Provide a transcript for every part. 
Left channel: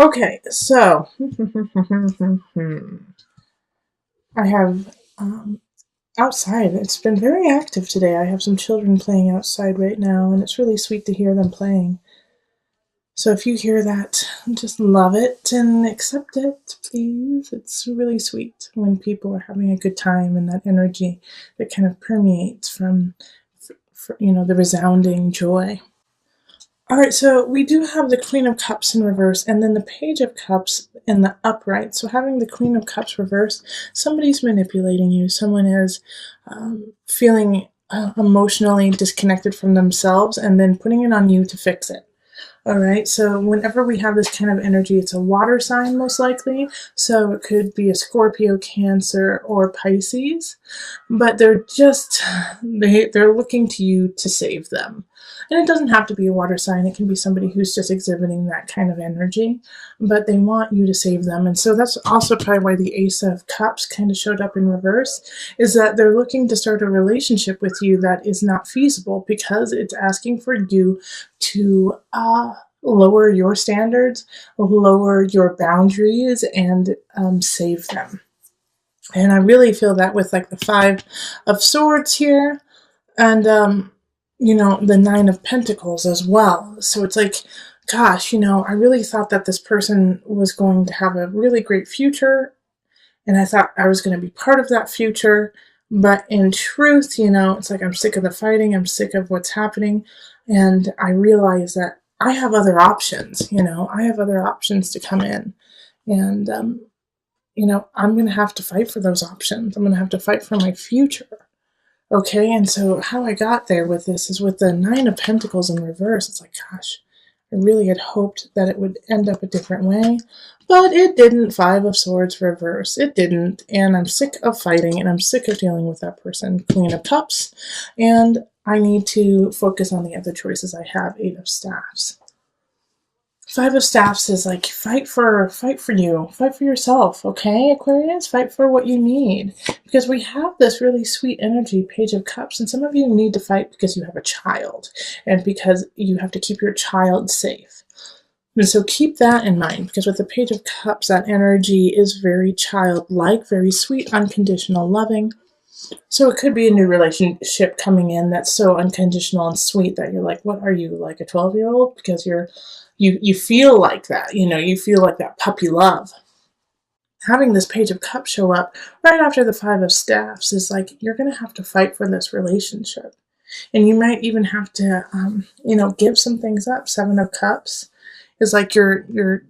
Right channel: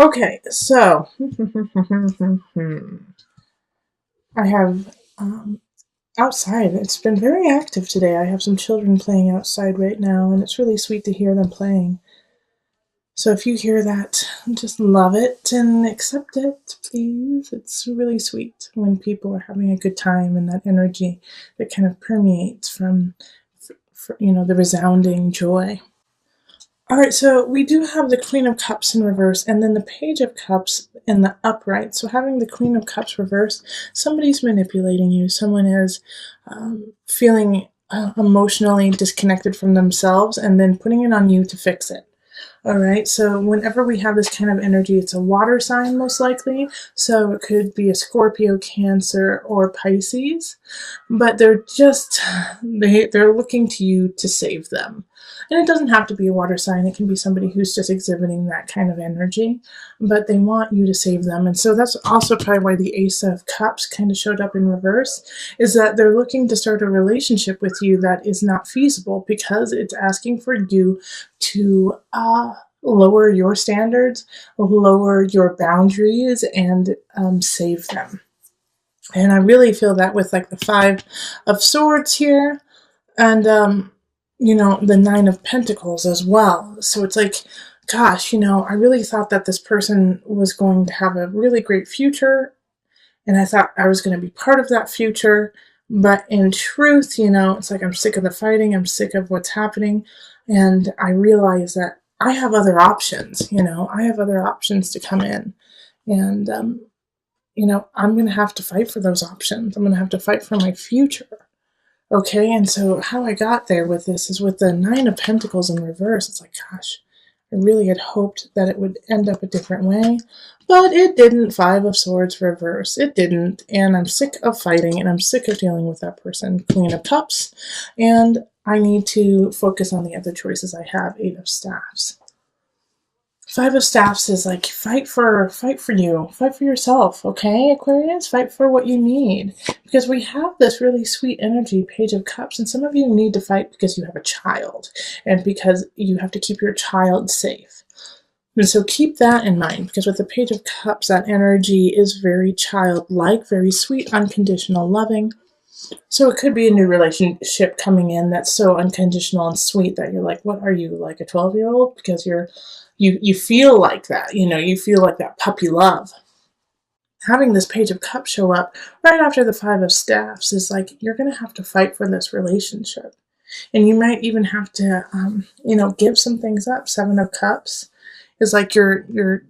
Okay, so I have outside. It's been very active today. I have some children playing outside right now, and it's really sweet to hear them playing. So if you hear that, just love it and accept it, please. It's really sweet when people are having a good time and that energy that kind of permeates from, the resounding joy. All right, so we do have the Queen of Cups in reverse and then the Page of Cups in the upright. So having the Queen of Cups reverse, somebody's manipulating you. Someone is feeling emotionally disconnected from themselves and then putting it on you to fix it. All right, so whenever we have this kind of energy, it's a water sign most likely. So it could be a Scorpio, Cancer, or Pisces, but they're looking to you to save them. And it doesn't have to be a water sign. It can be somebody who's just exhibiting that kind of energy, but they want you to save them. And so that's also probably why the Ace of Cups kind of showed up in reverse, is that they're looking to start a relationship with you that is not feasible because it's asking for you to lower your standards, lower your boundaries, and save them. And I really feel that with like the Five of Swords here, and the Nine of Pentacles as well. So it's like, gosh, I really thought that this person was going to have a really great future, and I thought I was going to be part of that future. But in truth, it's like I'm sick of the fighting, I'm sick of what's happening, and I realize that I have other options. I have other options to come in, and I'm going to have to fight for those options. I'm going to have to fight for my future. Okay, and so how I got there with this is with the Nine of Pentacles in reverse. It's like, gosh, I really had hoped that it would end up a different way, but it didn't. Five of Swords reverse. It didn't, and I'm sick of fighting, and I'm sick of dealing with that person. Queen of Cups, and I need to focus on the other choices I have. Eight of Staffs. Five of Staffs is like fight for you, fight for yourself, okay, Aquarius? Fight for what you need. Because we have this really sweet energy, Page of Cups, and some of you need to fight because you have a child and because you have to keep your child safe. So keep that in mind, because with the Page of Cups, that energy is very childlike, very sweet, unconditional, loving. So it could be a new relationship coming in that's so unconditional and sweet that you're like, what are you, like a 12-year-old? Because you feel like that, you feel like that puppy love. Having this Page of Cups show up right after the Five of Staffs is like, you're going to have to fight for this relationship. And you might even have to, give some things up. Seven of Cups is like you're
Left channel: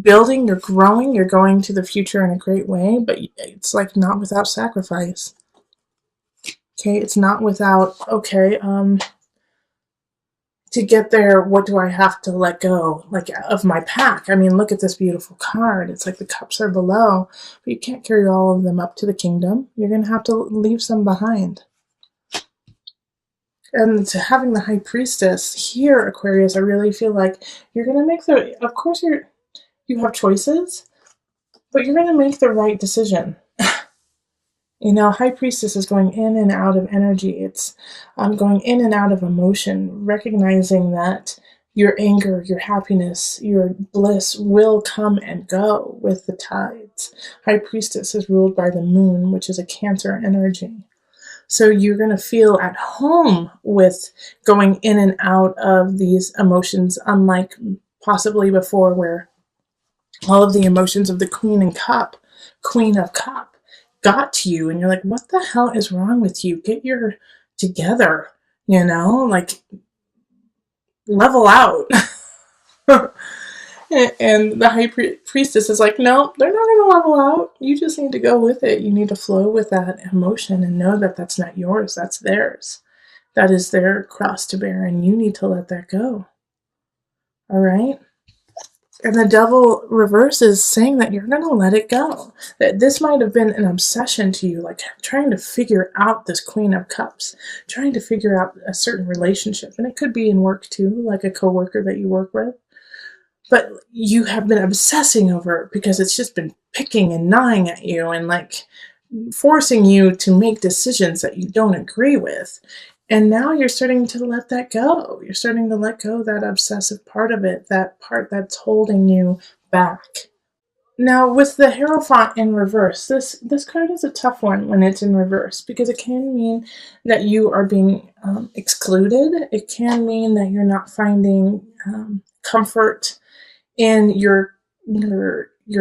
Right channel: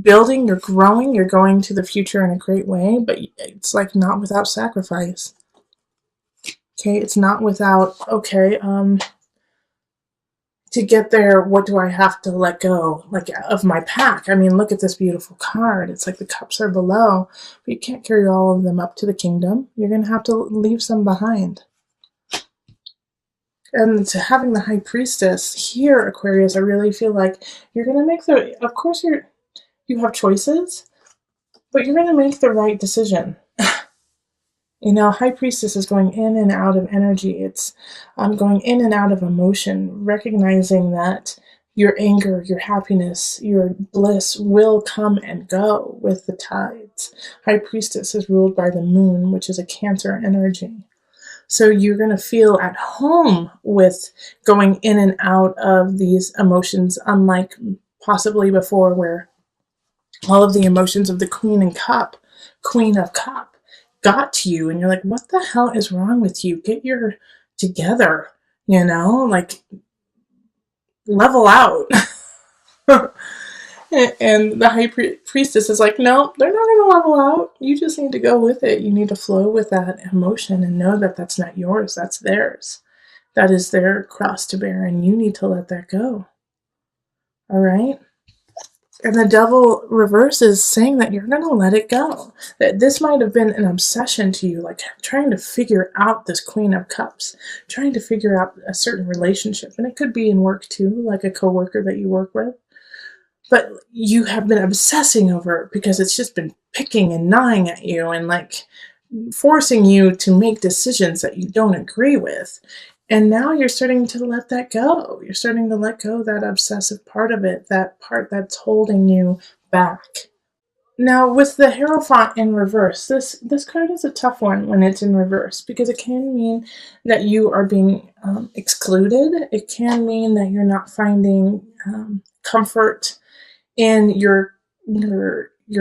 building, you're growing, you're going to the future in a great way, but it's like not without sacrifice. Okay, it's not without, to get there, what do I have to let go, like, of my pack? I mean, look at this beautiful card. It's like the cups are below, but you can't carry all of them up to the kingdom. You're going to have to leave some behind. And to having the High Priestess here, Aquarius, I really feel like you're going to make of course you have choices, but you're going to make the right decision. High Priestess is going in and out of energy. It's going in and out of emotion, recognizing that your anger, your happiness, your bliss will come and go with the tides. High Priestess is ruled by the moon, which is a Cancer energy. So you're going to feel at home with going in and out of these emotions, unlike possibly before, where all of the emotions of the Queen of Cup, got to you, and you're like, what the hell is wrong with you? Get your together, like, level out. And the High Priestess is like, no, they're not going to level out. You just need to go with it. You need to flow with that emotion and know that that's not yours, that's theirs. That is their cross to bear, and you need to let that go. All right? And the Devil reverse is saying that you're going to let it go. That this might have been an obsession to you, like trying to figure out this Queen of Cups, trying to figure out a certain relationship. And it could be in work too, like a coworker that you work with. But you have been obsessing over it because it's just been picking and gnawing at you and like forcing you to make decisions that you don't agree with. And now you're starting to let that go. You're starting to let go of that obsessive part of it, that part that's holding you back. Now, with the Hierophant in reverse, this card is a tough one when it's in reverse because it can mean that you are being excluded. It can mean that you're not finding comfort in your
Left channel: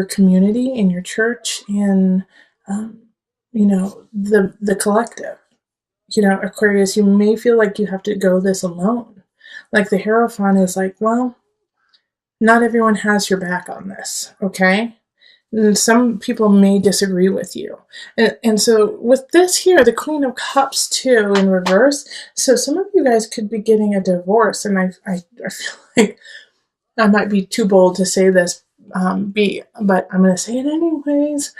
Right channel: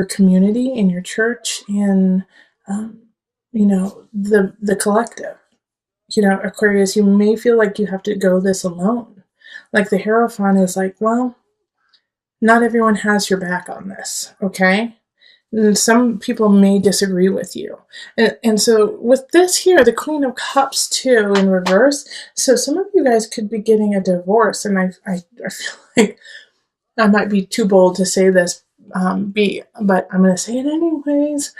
community, in your church, in the collective. Aquarius, you may feel like you have to go this alone. Like the Hierophant is like, well, not everyone has your back on this, okay? And some people may disagree with you. And so with this here, the Queen of Cups too in reverse, so some of you guys could be getting a divorce, and I feel like I might be too bold to say this, but I'm going to say it anyways.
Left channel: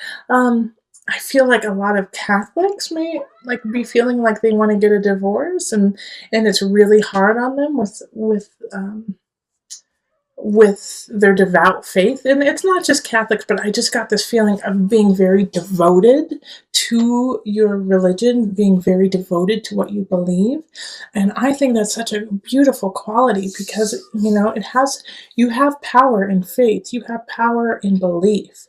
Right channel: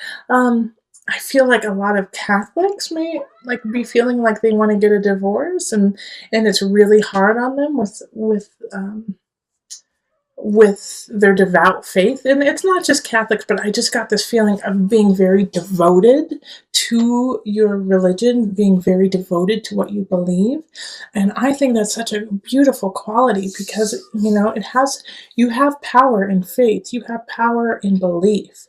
I feel like a lot of Catholics may like be feeling like they want to get a divorce, and it's really hard on them with their devout faith. And it's not just Catholics, but I just got this feeling of being very devoted to your religion, being very devoted to what you believe. And I think that's such a beautiful quality because, you have power in faith, you have power in belief.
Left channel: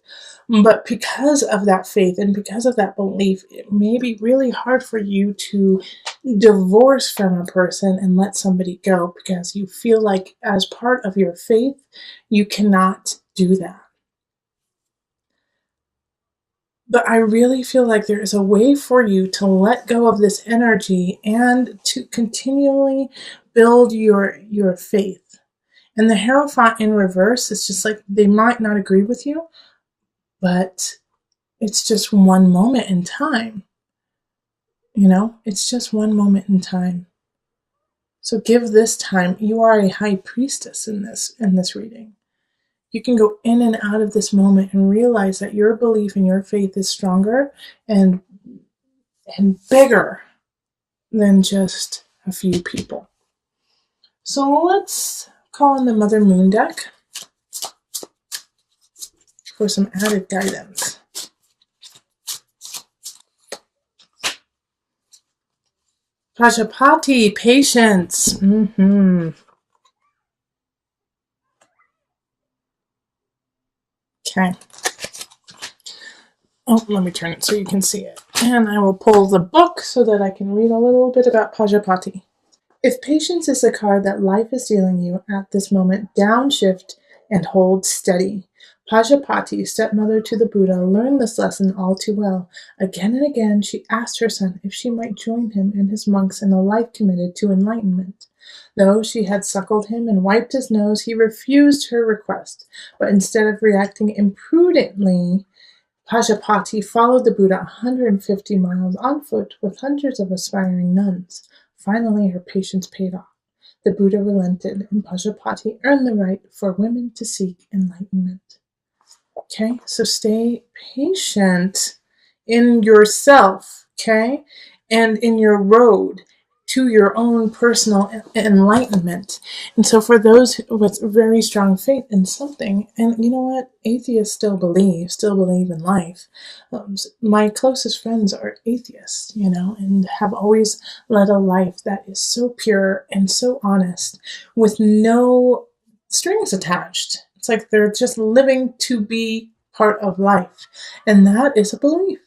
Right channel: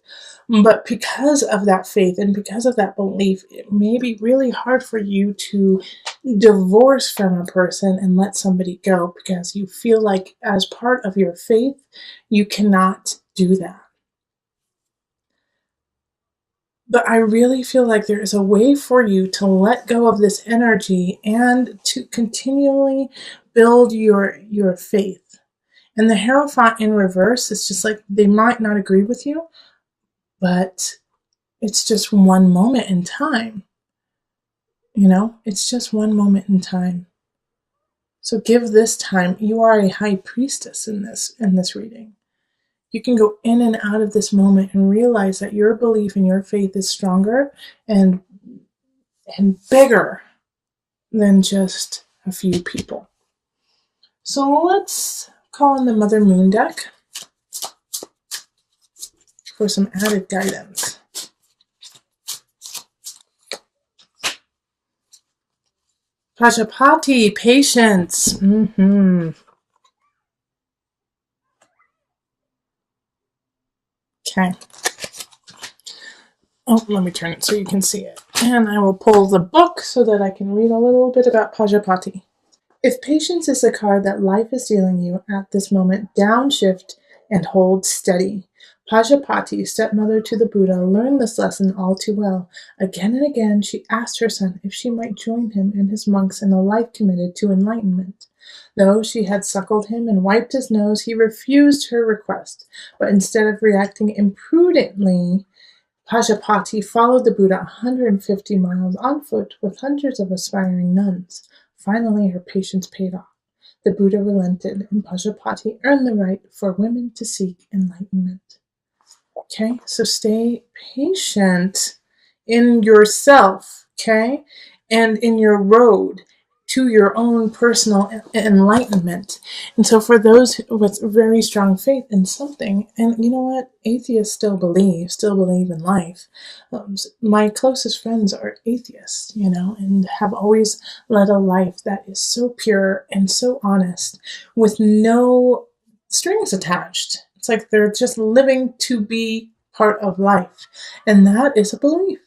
But because of that faith and because of that belief, it may be really hard for you to divorce from a person and let somebody go because you feel like, as part of your faith, you cannot do that. But I really feel like there is a way for you to let go of this energy and to continually build your faith. And the Hierophant in reverse is just like, they might not agree with you, but it's just one moment in time. It's just one moment in time. So give this time. You are a high priestess in this reading. You can go in and out of this moment and realize that your belief in your faith is stronger and bigger than just a few people. So let's call in the Mother Moon deck for some added guidance. Pajapati, patience. Okay. Oh, let me turn it so you can see it. And I will pull the book so that I can read a little bit about Pajapati. If patience is the card that life is dealing you at this moment, downshift and hold steady. Pajapati, stepmother to the Buddha, learned this lesson all too well. Again and again, she asked her son if she might join him and his monks in a life committed to enlightenment. Though she had suckled him and wiped his nose, he refused her request. But instead of reacting imprudently, Pajapati followed the Buddha 150 miles on foot with hundreds of aspiring nuns. Finally, her patience paid off. The Buddha relented, and Pajapati earned the right for women to seek enlightenment. Okay, so stay patient in yourself, okay, and in your road to your own personal enlightenment. And so for those with a very strong faith in something, and you know what, atheists still believe in life. My closest friends are atheists, and have always led a life that is so pure and so honest with no strings attached. It's like they're just living to be part of life. And that is a belief,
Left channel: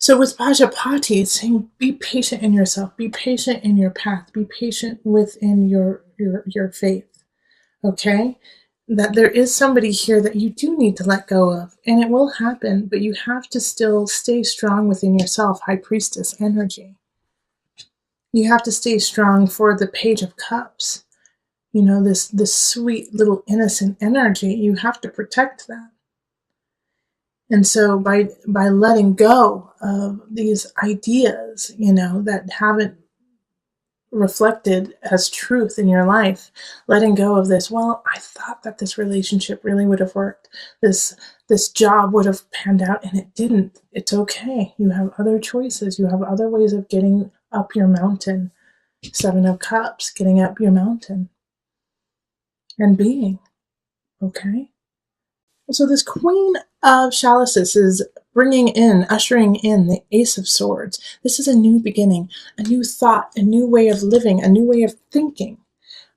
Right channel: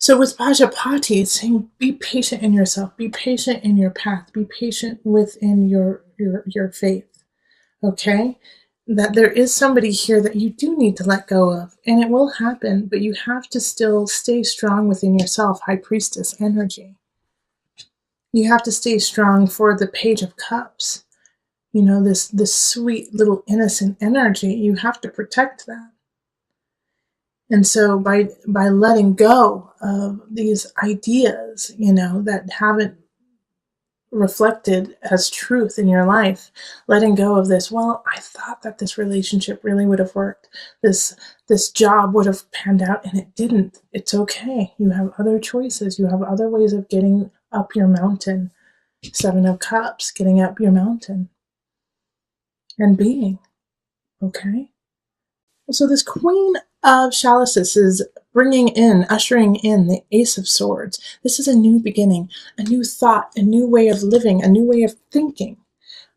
So with Pajapati, it's saying be patient in yourself, be patient in your path, be patient within your faith. Okay? That there is somebody here that you do need to let go of, and it will happen, but you have to still stay strong within yourself, High Priestess energy. You have to stay strong for the Page of Cups. This sweet little innocent energy. You have to protect that. And so by letting go of these ideas, that haven't reflected as truth in your life, letting go of this, well, I thought that this relationship really would have worked. This job would have panned out, and it didn't. It's okay. You have other choices. You have other ways of getting up your mountain. Seven of Cups, getting up your mountain. And being. Okay? So this Queen of Chalices is ushering in the Ace of Swords. This is a new beginning, a new thought, a new way of living, a new way of thinking.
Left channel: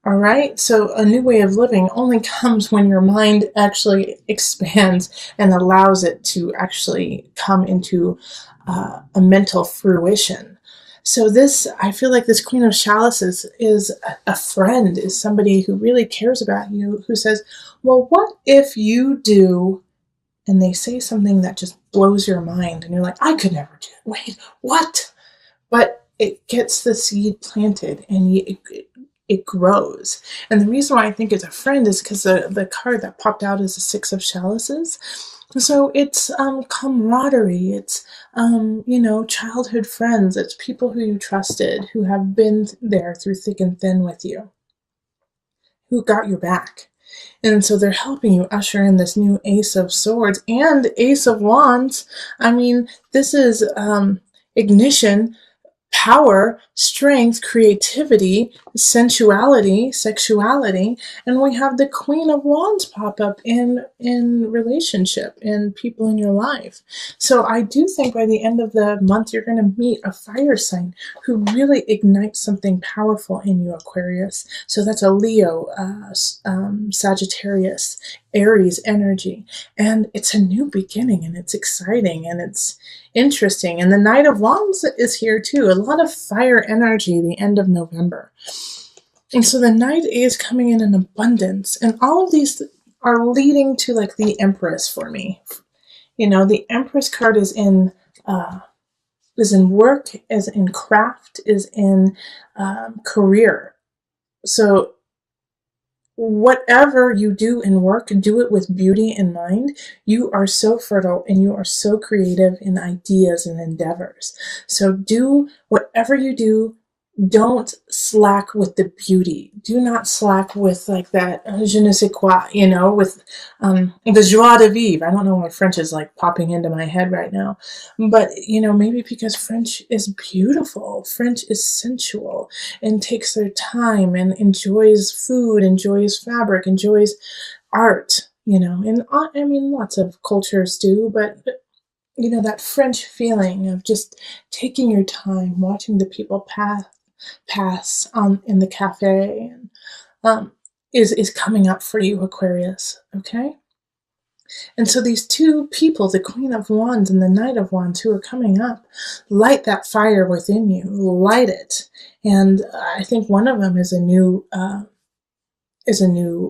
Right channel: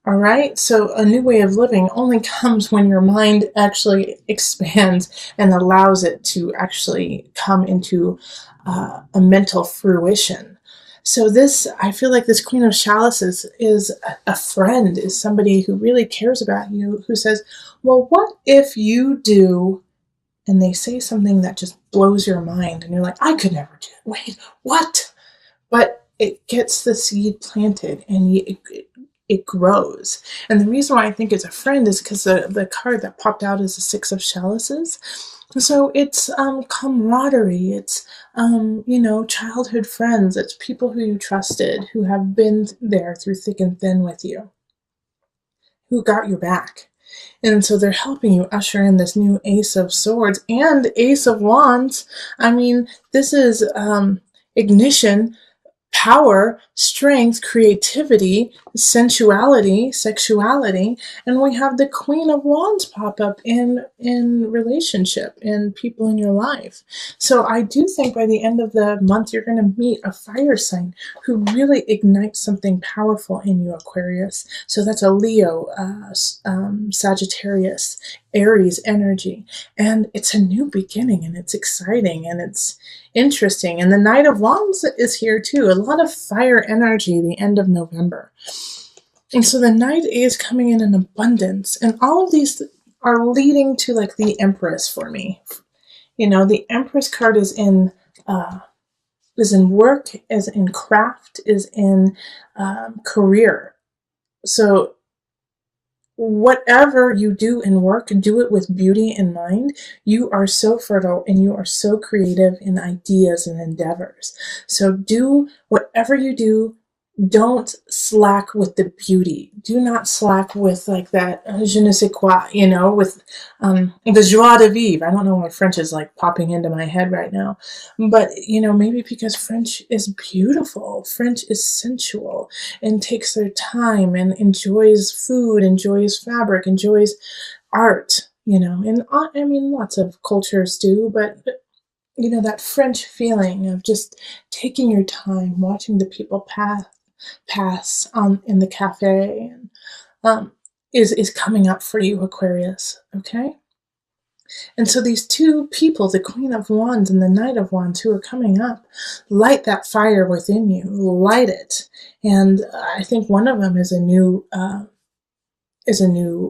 All right. So a new way of living only comes when your mind actually expands and allows it to actually come into a mental fruition. So this, I feel like this Queen of Chalices is a friend, is somebody who really cares about you, who says, well, what if you do, and they say something that just blows your mind, and you're like, I could never do it. Wait, what? But it gets the seed planted, and it grows. And the reason why I think it's a friend is because the card that popped out is the Six of Chalices. So it's camaraderie. It's childhood friends. It's people who you trusted, who have been there through thick and thin with you, who got your back. And so they're helping you usher in this new Ace of Swords and Ace of Wands. I mean, this is ignition, power, strength, creativity, sensuality, sexuality, and we have the Queen of Wands pop up in relationship, in people in your life. So I do think by the end of the month you're going to meet a fire sign who really ignites something powerful in you, Aquarius. So that's a Leo, Sagittarius, Aries energy, and it's a new beginning, and it's exciting, and it's interesting. And the Knight of Wands is here too. A lot of fire energy the end of November. And so the Knight is coming in abundance. And all of these are leading to like the Empress for me. You know, the Empress card is in work, is in craft, is in career. So whatever you do in work, do it with beauty in mind. You are so fertile and you are so creative in ideas and endeavors. So do whatever you do. Don't slack with the beauty. Do not slack with like that je ne sais quoi, with the joie de vivre. I don't know why French is like popping into my head right now. But, maybe because French is beautiful. French is sensual and takes their time and enjoys food, enjoys fabric, enjoys art, and I mean, lots of cultures do, but that French feeling of just taking your time, watching the people pass in the cafe, and is coming up for you, Aquarius. Okay. And so these two people, the Queen of Wands and the Knight of Wands, who are coming up, light that fire within you, light it. And I think one of them is a new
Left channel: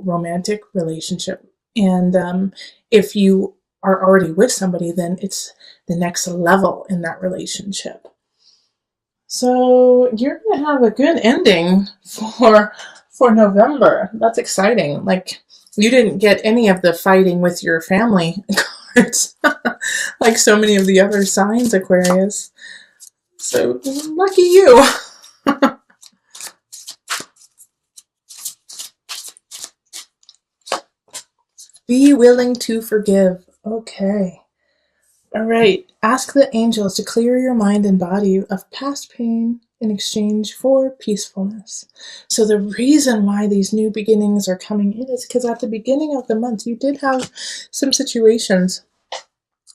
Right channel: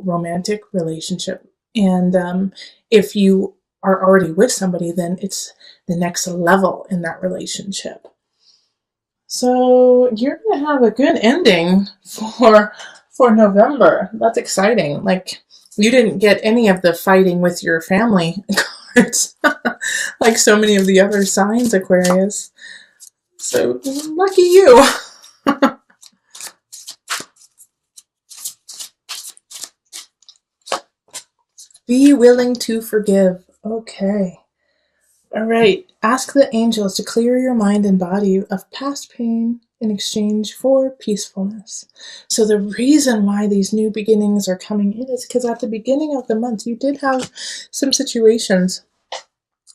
romantic relationship. And if you are already with somebody, then it's the next level in that relationship. So you're gonna have a good ending for November. That's exciting. Like, you didn't get any of the fighting with your family cards, like so many of the other signs, Aquarius. So lucky you. Be willing to forgive. Okay. All right. Ask the angels to clear your mind and body of past pain in exchange for peacefulness. So the reason why these new beginnings are coming in is because at the beginning of the month, you did have some situations.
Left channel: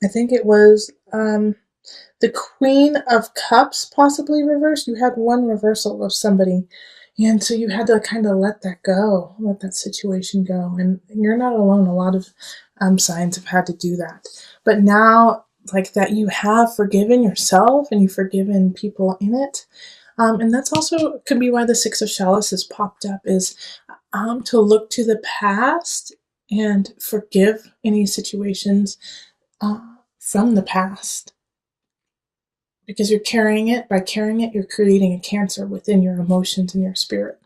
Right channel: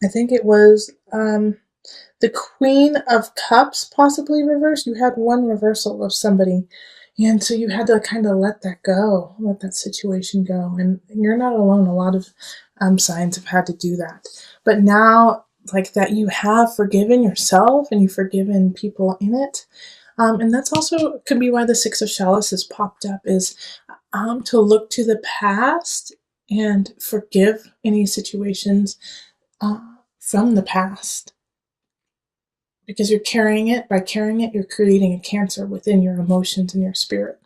I think it was the Queen of Cups possibly reversed. You had one reversal of somebody. And so you had to kind of let that go, let that situation go. And you're not alone. A lot of signs have had to do that. But now, like that, you have forgiven yourself and you've forgiven people in it. And that's also could be why the Six of Chalices popped up, is to look to the past and forgive any situations from the past. Because you're carrying it. By carrying it, you're creating a cancer within your emotions and your spirit.